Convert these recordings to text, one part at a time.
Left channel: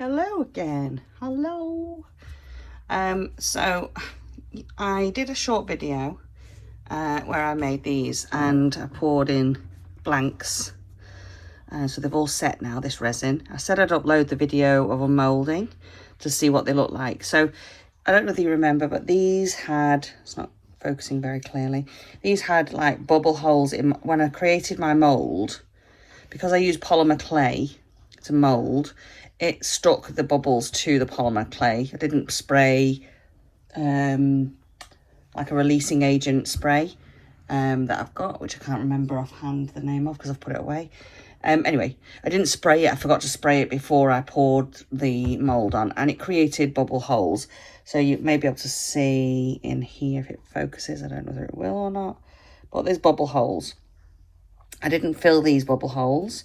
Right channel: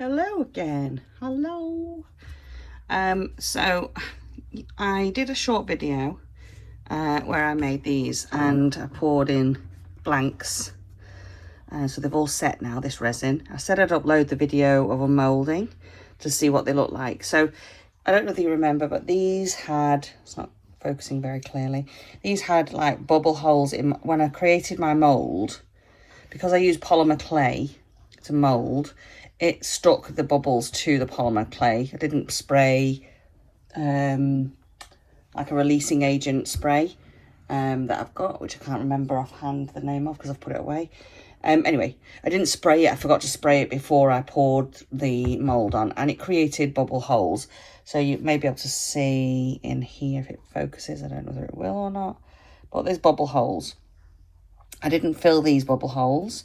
Hello again. Hello. So I did a short video where I made these and I poured in blanks. So they've all set now, this resin. I said I'd upload the video of unmoulding to see what they look like. So I don't know if you remember, but these had, it's not focusing very clearly, these had like bubble holes in when I created my mould. Because I used polymer clay to mould, it stuck the bubbles to the polymer clay. I didn't spray like a releasing agent spray that I've got, which I can't remember offhand the name of because I've put it away. Anyway, I didn't spray it. I forgot to spray it before I poured the mould on, and it created bubble holes. So you may be able to see in here if it focuses. I don't know whether it will or not, but there's bubble holes. I didn't fill these bubble holes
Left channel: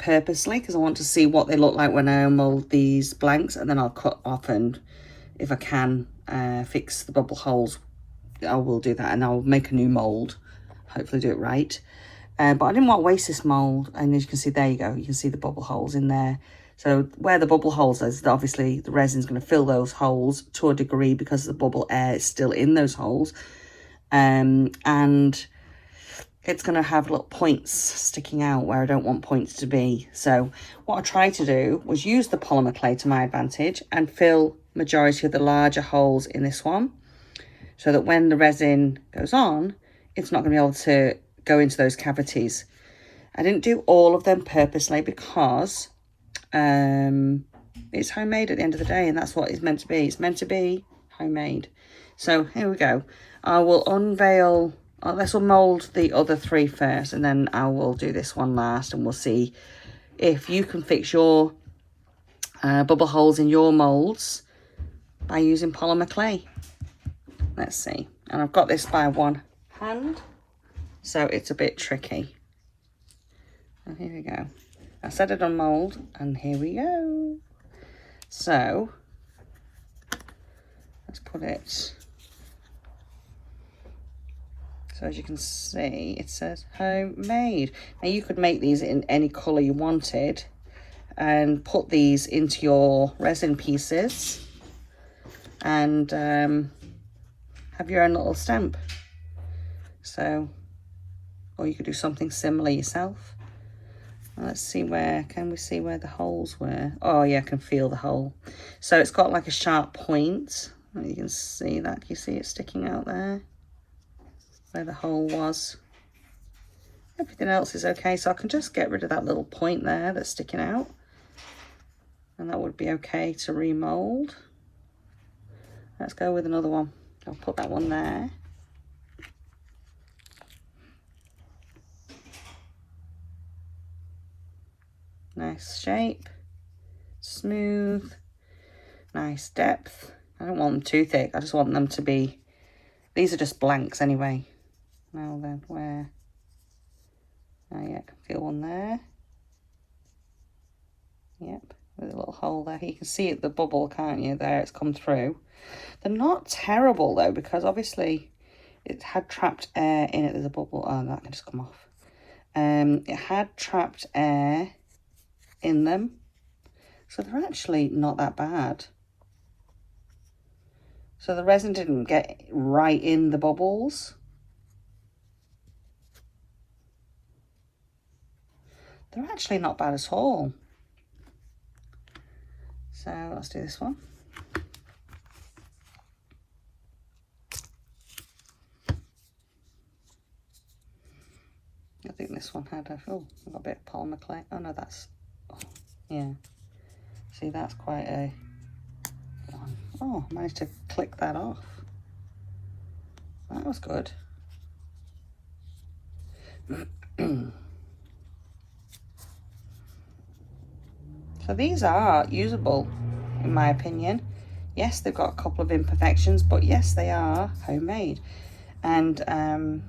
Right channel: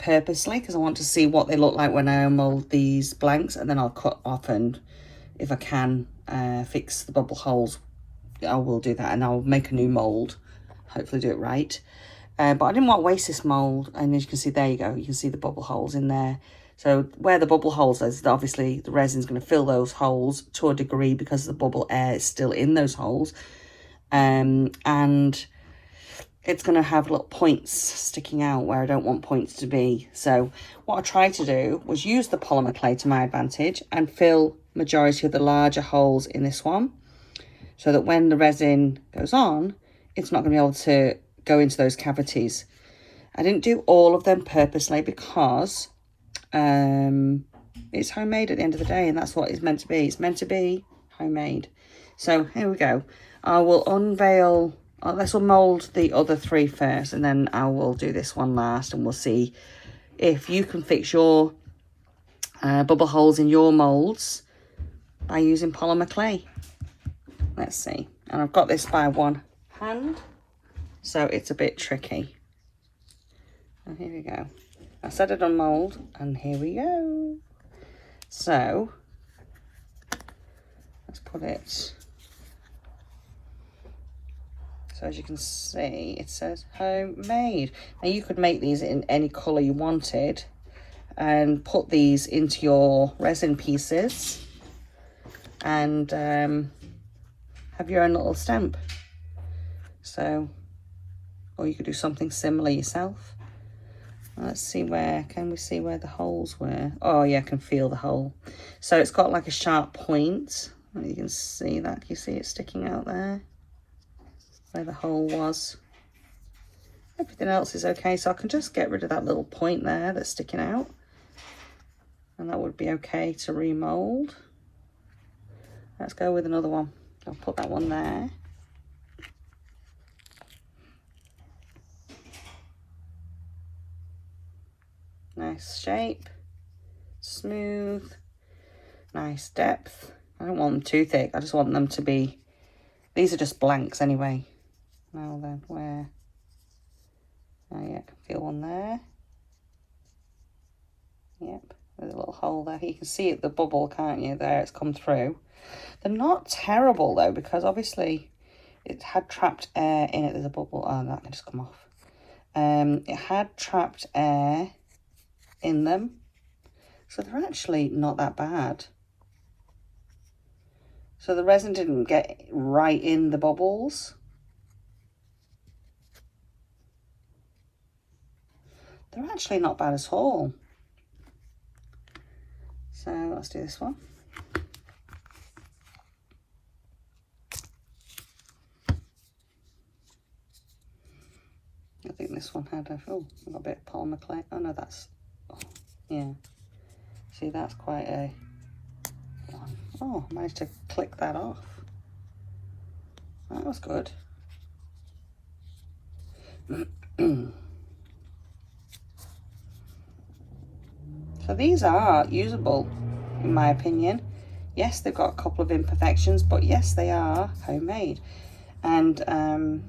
purposely because I want to see what they look like when I mould these blanks, and then I'll cut off, and if I can fix the bubble holes, I will do that, and I'll make a new mould, hopefully do it right. But I didn't want to waste this mould, and as you can see, there you go, you can see the bubble holes in there. So where the bubble holes is, obviously the resin's going to fill those holes to a degree because the bubble air is still in those holes, and it's going to have little points sticking out where I don't want points to be. So what I tried to do was use the polymer clay to my advantage and fill majority of the larger holes in this one, so that when the resin goes on, it's not going to be able to go into those cavities. I didn't do all of them purposely because it's homemade at the end of the day, and that's what it's meant to be. It's meant to be homemade. So here we go. I will unveil. Let's mould the other three first, and then I will do this one last, and we'll see if you can fix your bubble holes in your moulds by using polymer clay. Let's see. And I've got this by one hand, so it's a bit tricky. And here we go. I said I'd unmould, and here we go. So let's put it. So as you can see, it says homemade. Now you could make these in any colour you wanted and put these into your resin pieces and have your own little stamp. So, or you could do something similar yourself. Let's see can we see where the holes were? Oh yeah, I can feel the hole. So it's got like a sharp point. You can see that, you see it sticking out there, where the hole was. Everything else is okay, so I can just get rid of that little point there that's sticking out, and that would be okay to remold. Let's go with another one. I'll put that one there. Nice shape, smooth, nice depth. I don't want them too thick, I just want them to be, these are just blanks anyway. Now then, where? Oh yeah, I can feel one there. Yep, with a little hole there. You can see it, the bubble, can't you? There, it's come through. They're not terrible though, because obviously it had trapped air in it. There's a bubble. Oh, that can just come off. It had trapped air in them, so they're actually not that bad. So the resin didn't get right in the bubbles. They're actually not bad at all. So let's do this one. I think this one had a, oh, a little bit of polymer clay. Oh no, that's, yeah. See, that's quite a, oh, I managed to click that off. That was good. So these are usable, in my opinion. Yes, they've got a couple of imperfections, but yes, they are homemade. And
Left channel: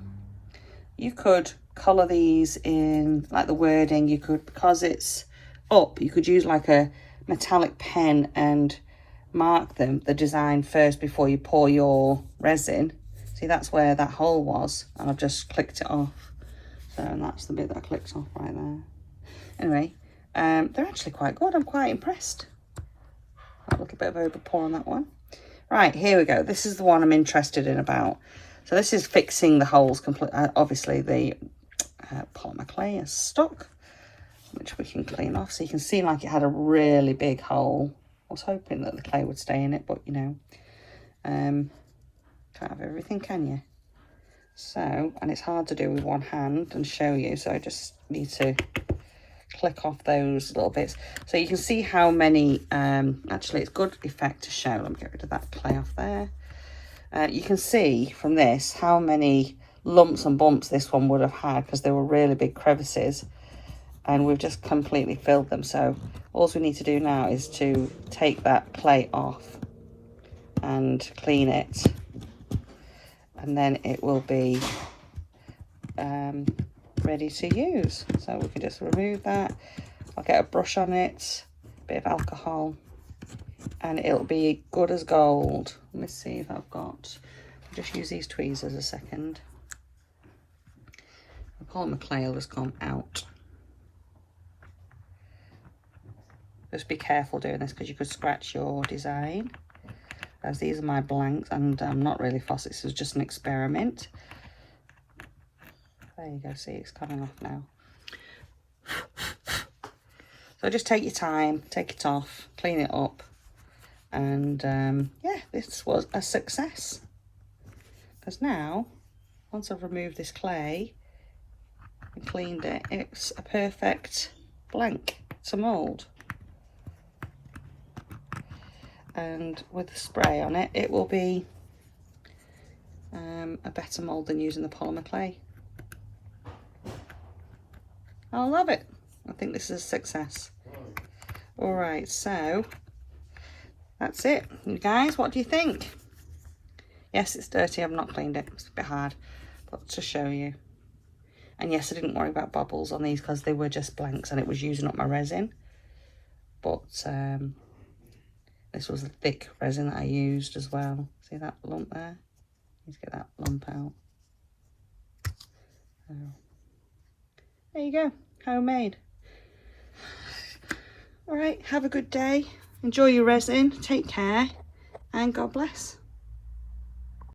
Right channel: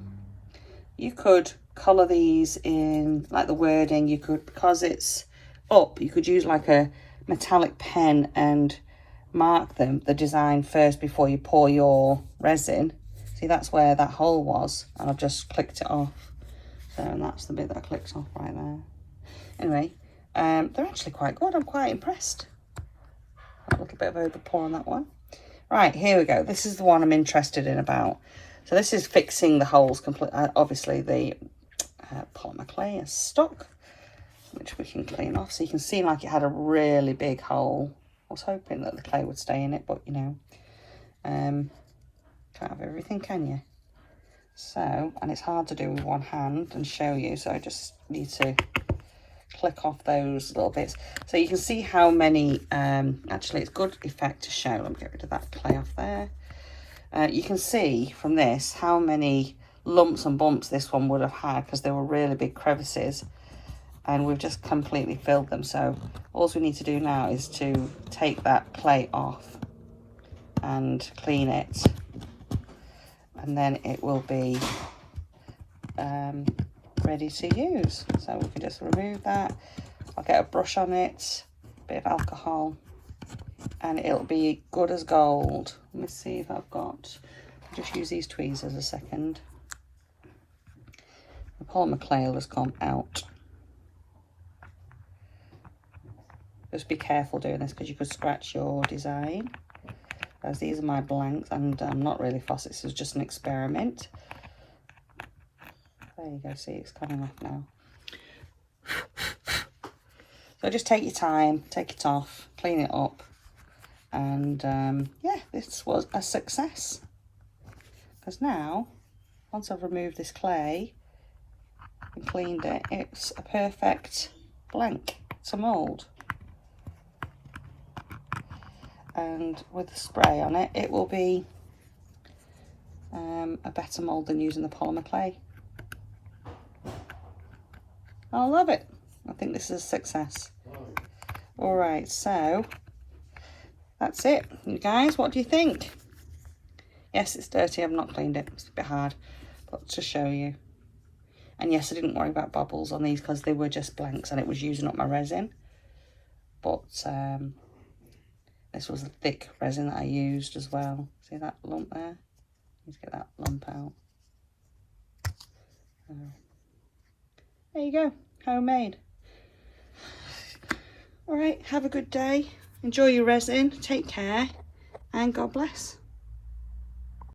you could colour these in, like the wording, you could, because it's up, you could use like a metallic pen and mark them, the design first before you pour your resin. See, that's where that hole was, and I've just clicked it off. So, and that's the bit that I clicked off right there. Anyway, they're actually quite good. I'm quite impressed. A little bit of overpour on that one. Right, here we go. This is the one I'm interested in about. So this is fixing the holes completely. Obviously, the polymer clay is stuck, which we can clean off. So you can see like it had a really big hole. I was hoping that the clay would stay in it, but you know, can't have everything, can you? So, and it's hard to do with one hand and show you, so I just need to click off those little bits. So you can see how many, actually it's good effect to show. Let me get rid of that clay off there. You can see from this how many lumps and bumps this one would have had, because they were really big crevices, and we've just completely filled them. So all we need to do now is to take that clay off and clean it, and then it will be ready to use. So we can just remove that. I'll get a brush on it, a bit of alcohol, and it'll be good as gold. Let's see if I've got, just use these tweezers a second. The polymer clay will just come out. Just be careful doing this, because you could scratch your design. As these are my blanks, and I'm not really fussed, this is just an experiment. There you go, see it's coming off now. So just take your time, take it off, clean it up, and yeah, this was a success. Because now, once I've removed this clay and cleaned it, it's a perfect blank to mould. And with the spray on it, it will be a better mould than using the polymer clay. I love it. I think this is a success. All right, so that's it. You guys, what do you think? Yes, it's dirty. I've not cleaned it. It's a bit hard, but to show you. And yes, I didn't worry about bubbles on these because they were just blanks and it was using up my resin. But this was the thick resin that I used as well. See that lump there? Need to get that lump out. There you go, homemade. All right, have a good day. Enjoy your resin. Take care, and God bless.